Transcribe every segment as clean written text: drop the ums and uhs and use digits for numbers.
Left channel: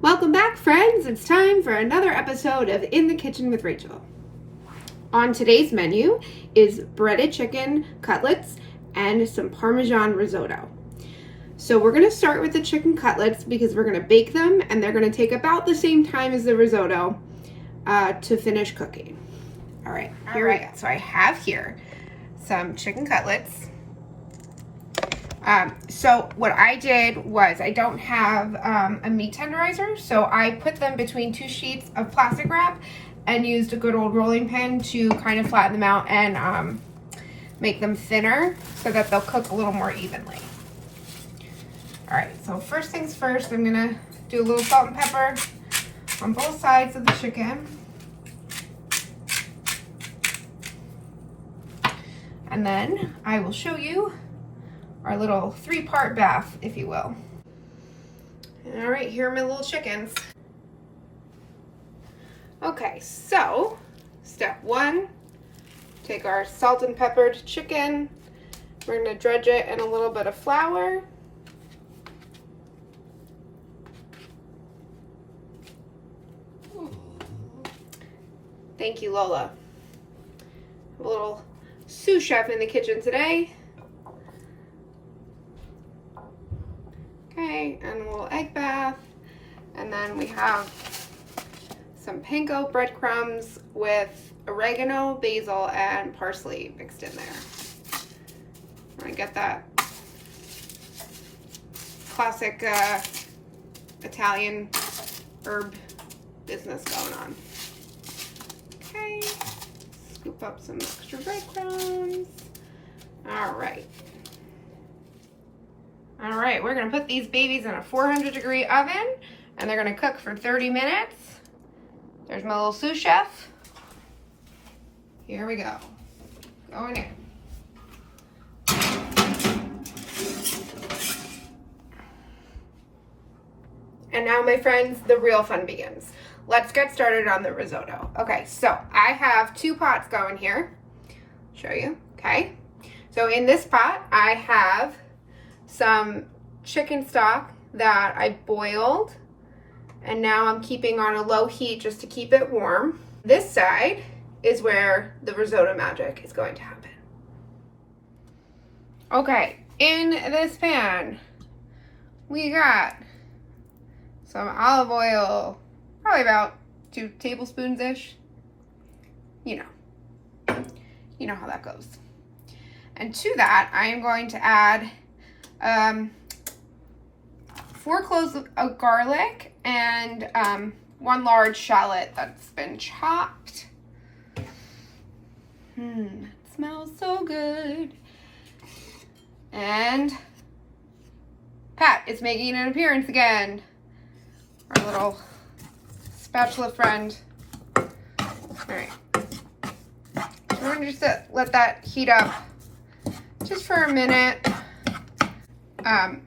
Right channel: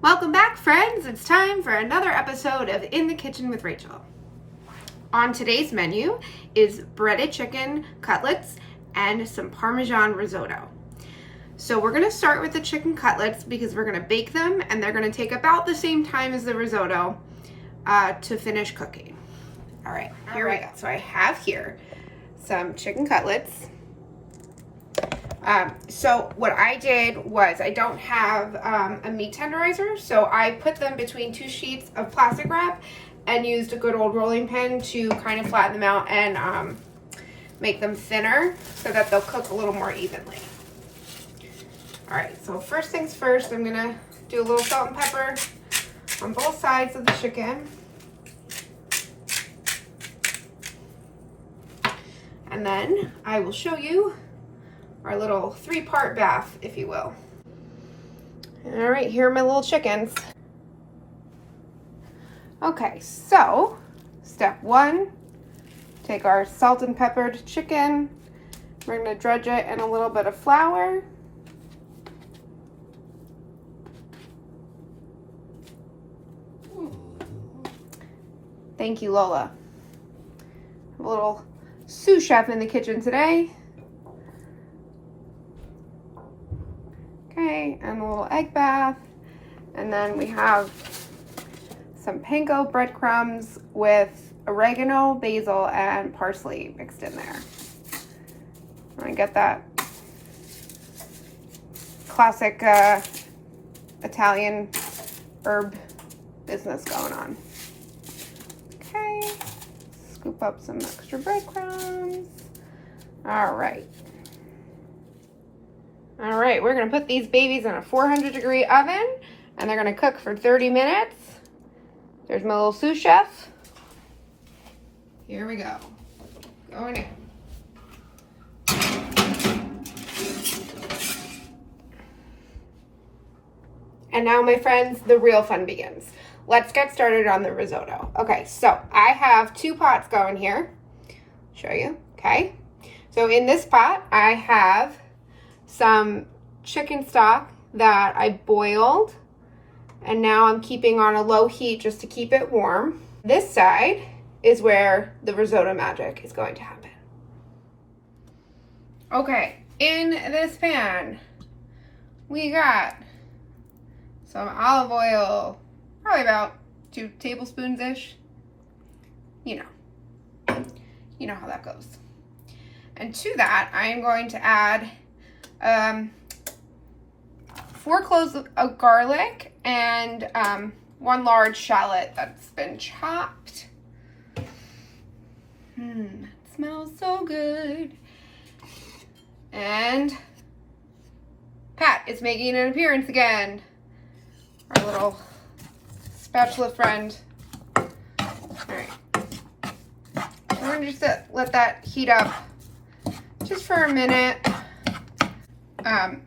Welcome back, friends. It's time for another episode of In the Kitchen with Rachel. On today's menu is breaded chicken cutlets and some Parmesan risotto. So we're going to start with the chicken cutlets because we're going to bake them and they're going to take about the same time as the risotto to finish cooking. All right, here we go. So I have here some chicken cutlets. So what I did was I don't have a meat tenderizer, so I put them between two sheets of plastic wrap and used a good old rolling pin to kind of flatten them out and make them thinner so that they'll cook a little more evenly. All right, so first things first, I'm gonna do a little salt and pepper on both sides of the chicken. And then I will show you our little three-part bath, if you will. All right, here are my little chickens. Okay, so step one, take our salt and peppered chicken. We're gonna dredge it in a little bit of flour. Thank you, Lola. A little sous chef in the kitchen today. Okay, and a little egg bath. And then we have some panko breadcrumbs with oregano, basil, and parsley mixed in there. I'm gonna get that classic Italian herb business going on. Okay, scoop up some extra breadcrumbs. All right. All right, we're gonna put these babies in a 400-degree oven and they're gonna cook for 30 minutes. There's my little sous chef. Here we go. Going in. And now, my friends, the real fun begins. Let's get started on the risotto. Okay, so I have 2 pots going here. Show you, okay? So in this pot, I have some chicken stock that I boiled, and now I'm keeping on a low heat just to keep it warm. This side is where the risotto magic is going to happen. Okay, in this pan, we got some olive oil, probably about 2 tablespoons-ish. You know how that goes. And to that, I am going to add 4 cloves of garlic and 1 large shallot that's been chopped. It smells so good. And Pat is making an appearance again. Our little spatula friend. All right. We're gonna just let that heat up just for a minute.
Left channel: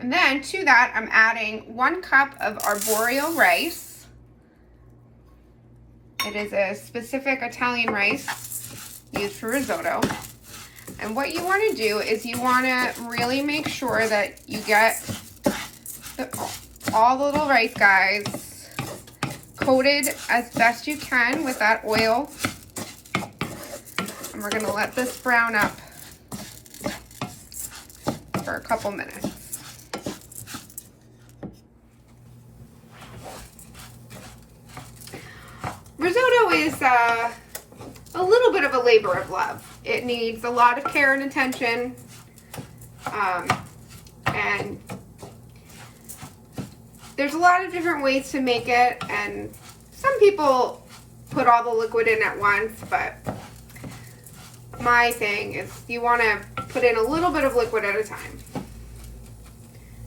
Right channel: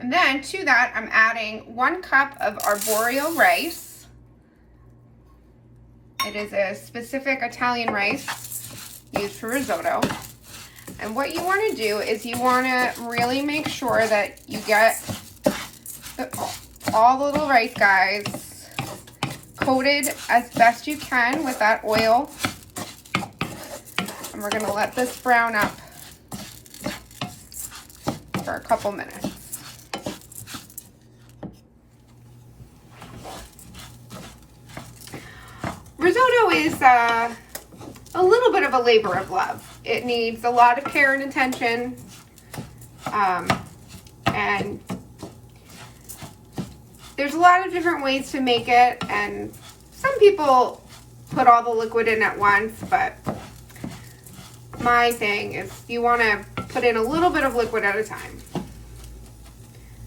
And then to that, I'm adding 1 cup of arborio rice. It is a specific Italian rice used for risotto. And what you want to do is you want to really make sure that you get all the little rice guys coated as best you can with that oil. And we're going to let this brown up for a couple minutes. Risotto is a little bit of a labor of love. It needs a lot of care and attention, and there's a lot of different ways to make it, and some people put all the liquid in at once, but my thing is you want to put in a little bit of liquid at a time.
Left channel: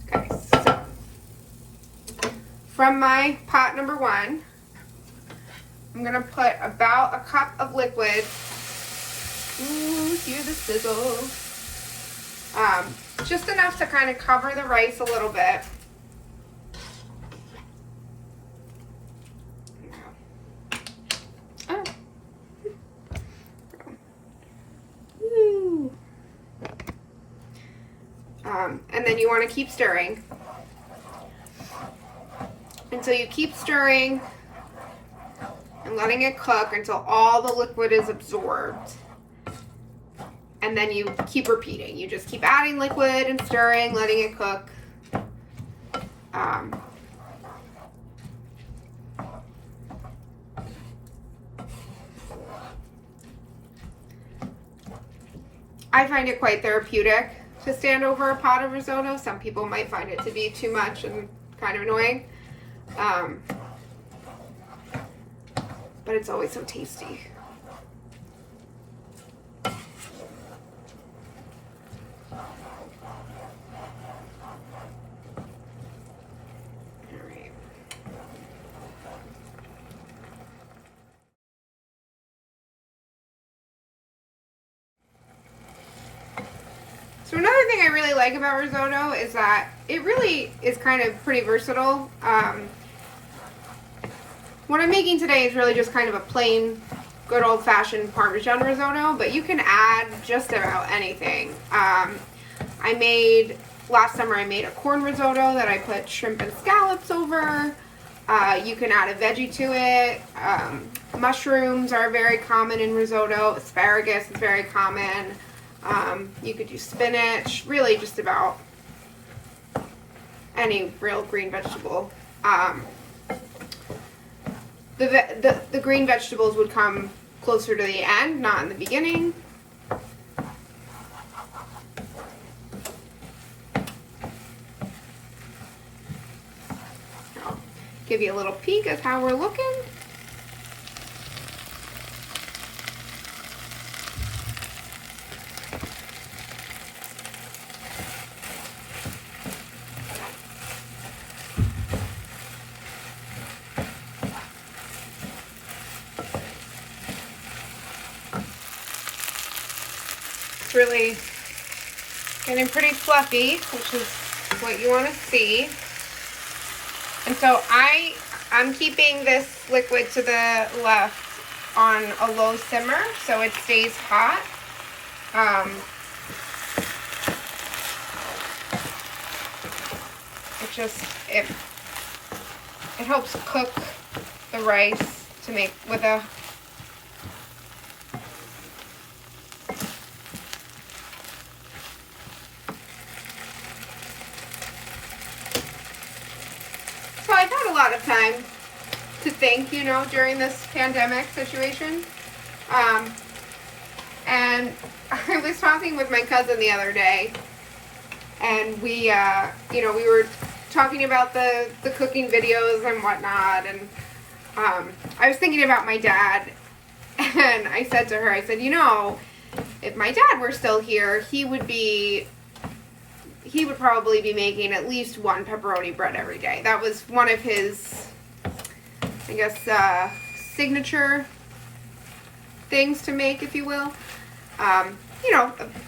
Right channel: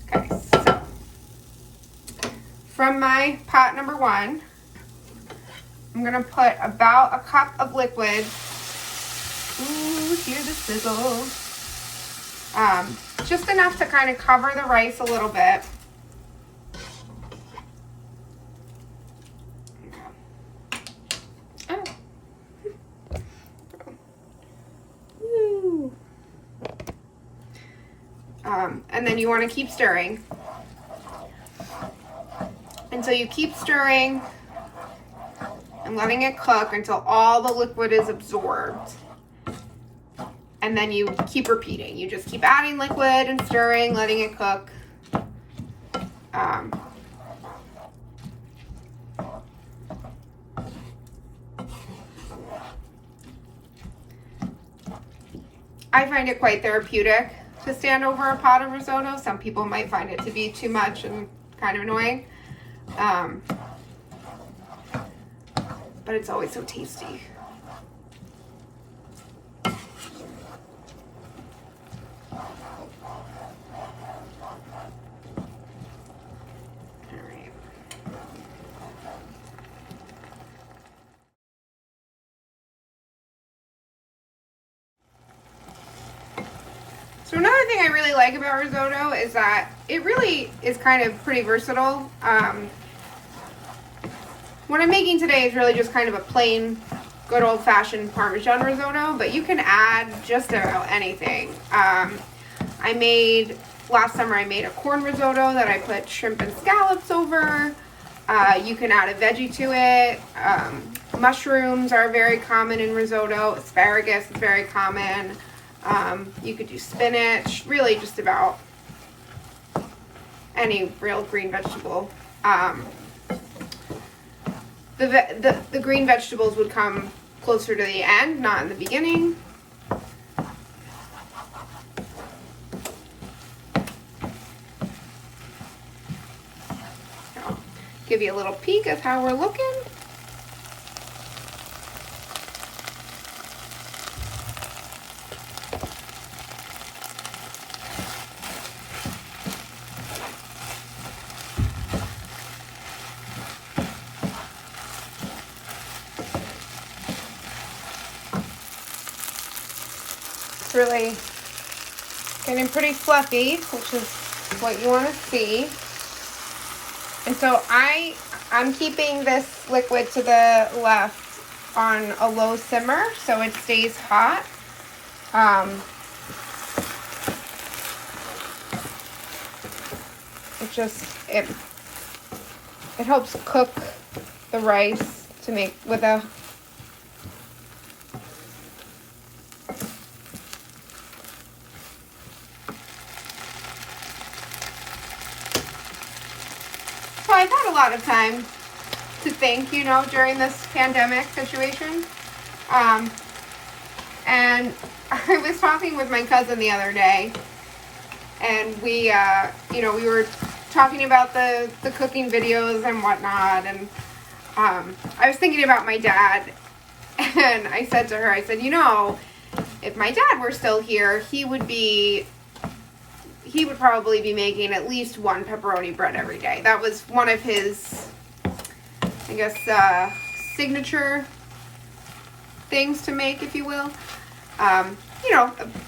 Okay, so from my pot number 1, I'm gonna put about a cup of liquid. Ooh, hear the sizzle. Just enough to kind of cover the rice a little bit. Oh. Ooh. And then you want to keep stirring And so you keep stirring and letting it cook until all the liquid is absorbed. And then you keep repeating. You just keep adding liquid and stirring, letting it cook. I find it quite therapeutic to stand over a pot of risotto. Some people might find it to be too much and kind of annoying. But it's always so tasty. So another thing I really like about risotto is that it really is kind of pretty versatile. What I'm making today is really just kind of a plain, good old-fashioned Parmesan risotto, but you can add just about anything. Last summer I made a corn risotto that I put shrimp and scallops over. You can add a veggie to it. Mushrooms are very common in risotto. Asparagus is very common. You could do spinach, really just about any real green vegetable. The green vegetables would come closer to the end, not in the beginning. I'll give you a little peek at how we're looking. Really getting pretty fluffy, which is what you want to see. And so I'm keeping this liquid to the left on a low simmer so it stays hot. It helps cook the rice to make with a So I've had a lot of time to think, during this pandemic situation. And I was talking with my cousin the other day, and we were talking about the cooking videos and whatnot, and I was thinking about my dad, and I said to her, if my dad were still here, he would probably be making at least one pepperoni bread every day. That was one of his, signature things to make, if you will. A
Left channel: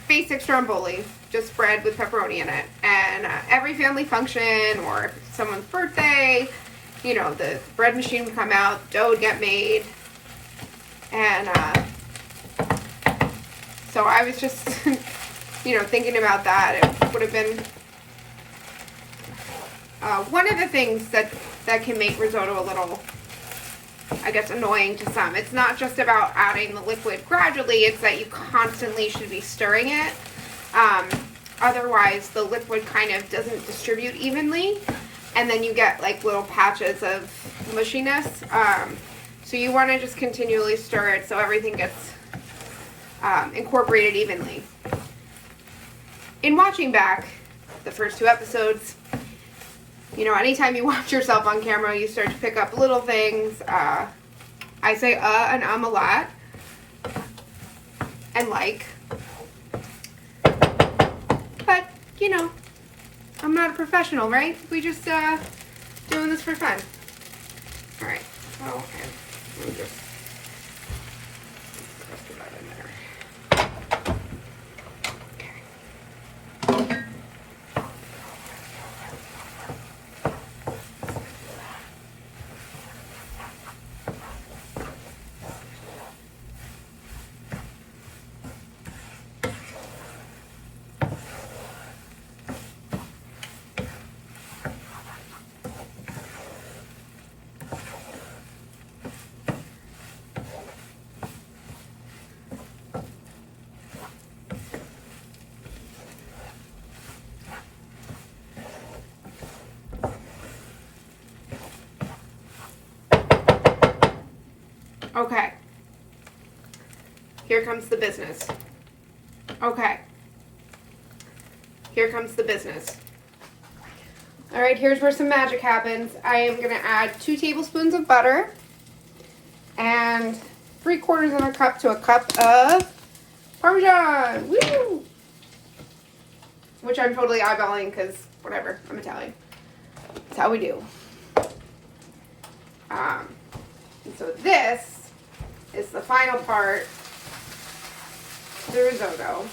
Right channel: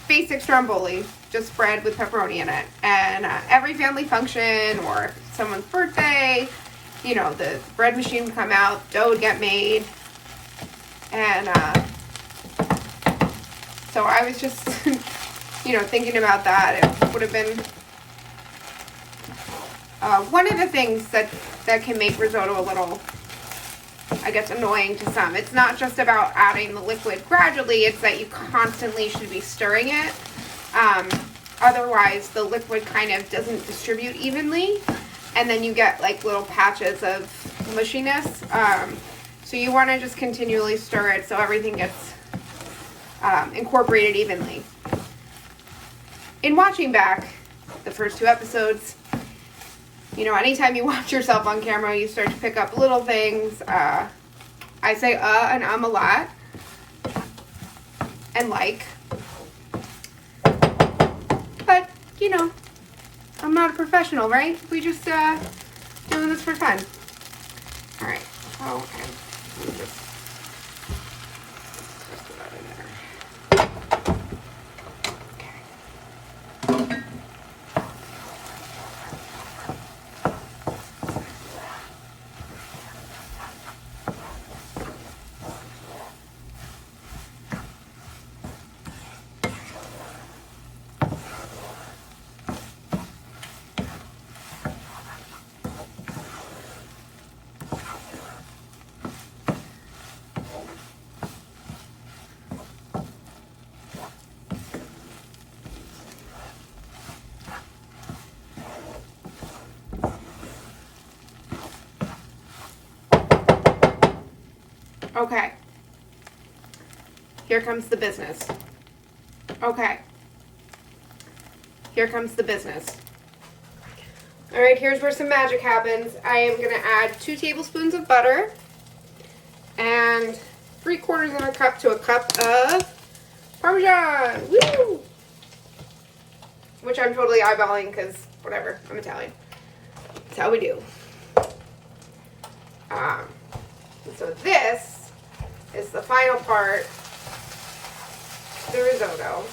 basic stromboli, just bread with pepperoni in it. And every family function or someone's birthday, the bread machine would come out, dough would get made. And so I was just, thinking about that. It would have been one of the things that can make risotto a little, annoying to some. It's not just about adding the liquid gradually, it's that you constantly should be stirring it. Otherwise, the liquid kind of doesn't distribute evenly, and then you get like little patches of mushiness. So you want to just continually stir it so everything gets incorporated evenly. In watching back the first two episodes, anytime you watch yourself on camera, you start to pick up little things. I say and a lot. And like. But, I'm not a professional, right? We just doing this for fun. Alright. Well, okay. Let me just put that in there. Okay. Here comes the business. Okay. Here comes the business. All right, here's where some magic happens. I am gonna add 2 tablespoons of butter and 3/4 of a cup to a cup of Parmesan. Woo! Which I'm totally eyeballing because whatever, I'm Italian. That's how we do. So this is the final part, the risotto.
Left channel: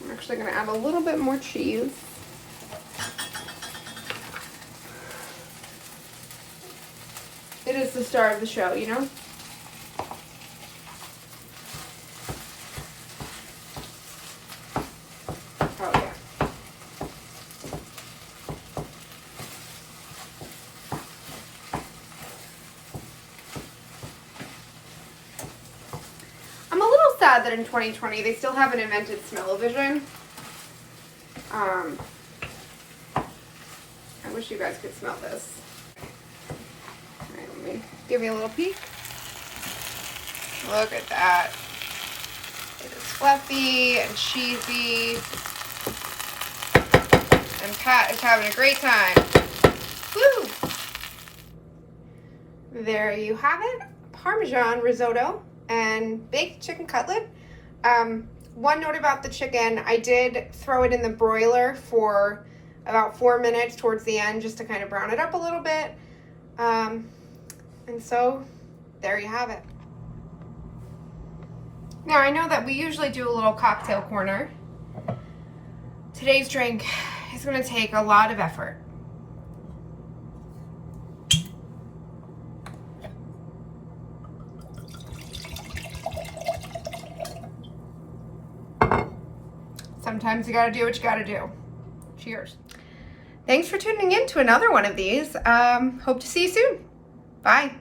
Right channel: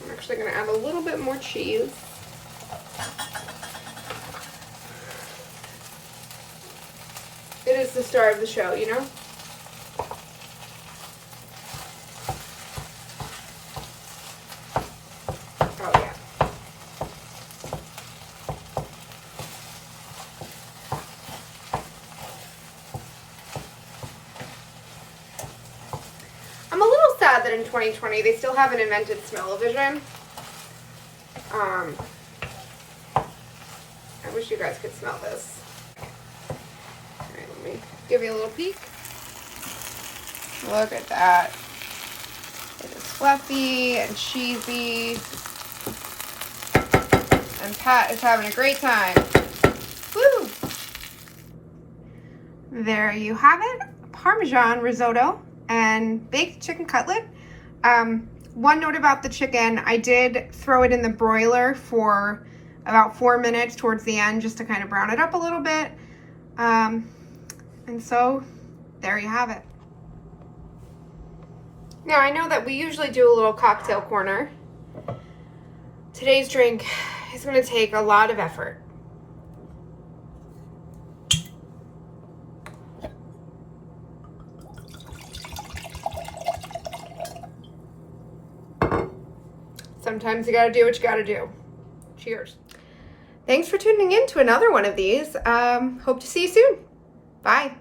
I'm actually going to add a little bit more cheese. It is the star of the show, you know? Oh, yeah. I'm a little sad that in 2020 they still haven't invented smell-o-vision. I wish you guys could smell this. Alright, let me give you a little peek. Look at that. It is fluffy and cheesy. And Pat is having a great time. Woo! There you have it. Parmesan risotto and baked chicken cutlet. One note about the chicken, I did throw it in the broiler for about 4 minutes towards the end just to kind of brown it up a little bit. And so there you have it. Now I know that we usually do a little cocktail corner. Today's drink is going to take a lot of effort. Sometimes you gotta do what you gotta do. Cheers. Thanks for tuning in to another one of these. Hope to see you soon. Bye.